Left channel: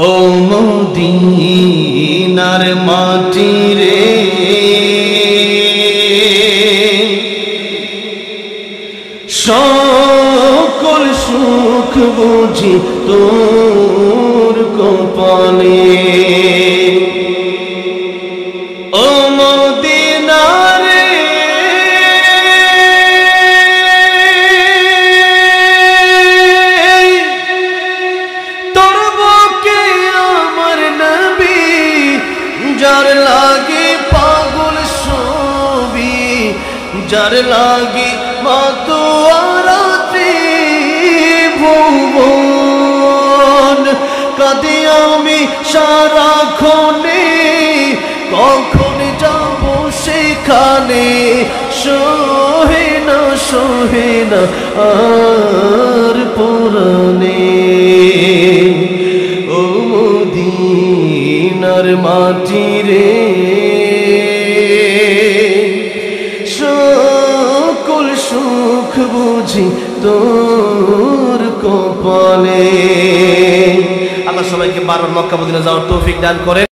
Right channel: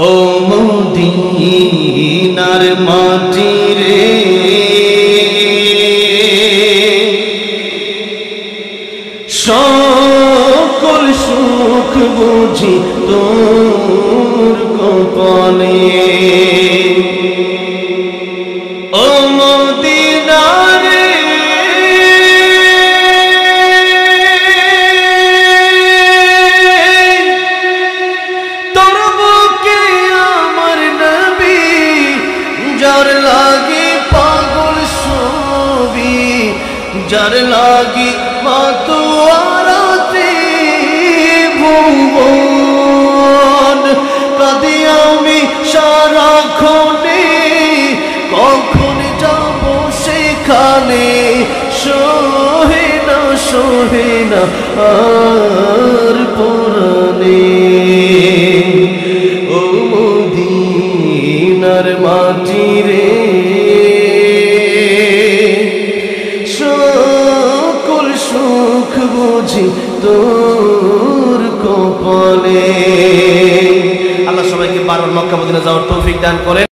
ও মদিনার মাটি রে সকল সুখ বুঝি তোর কপালে। ও মদিনা রে তোর বুকে আমার নবী যার লাগি পাগল ছবি, যার লাগি মাতুয়ারাতি ভুবন কাঁদি আমি সারাক্ষণে, কখন যাব সেখানে সহে না আর পরাণে। ও মদিনার মাটি রে সকল সুখ বুঝি তোর কপালে। আল্লাহ সবাইকে বারবার মক্কা মদিনা যাওয়ার তৌফিক দান করেন।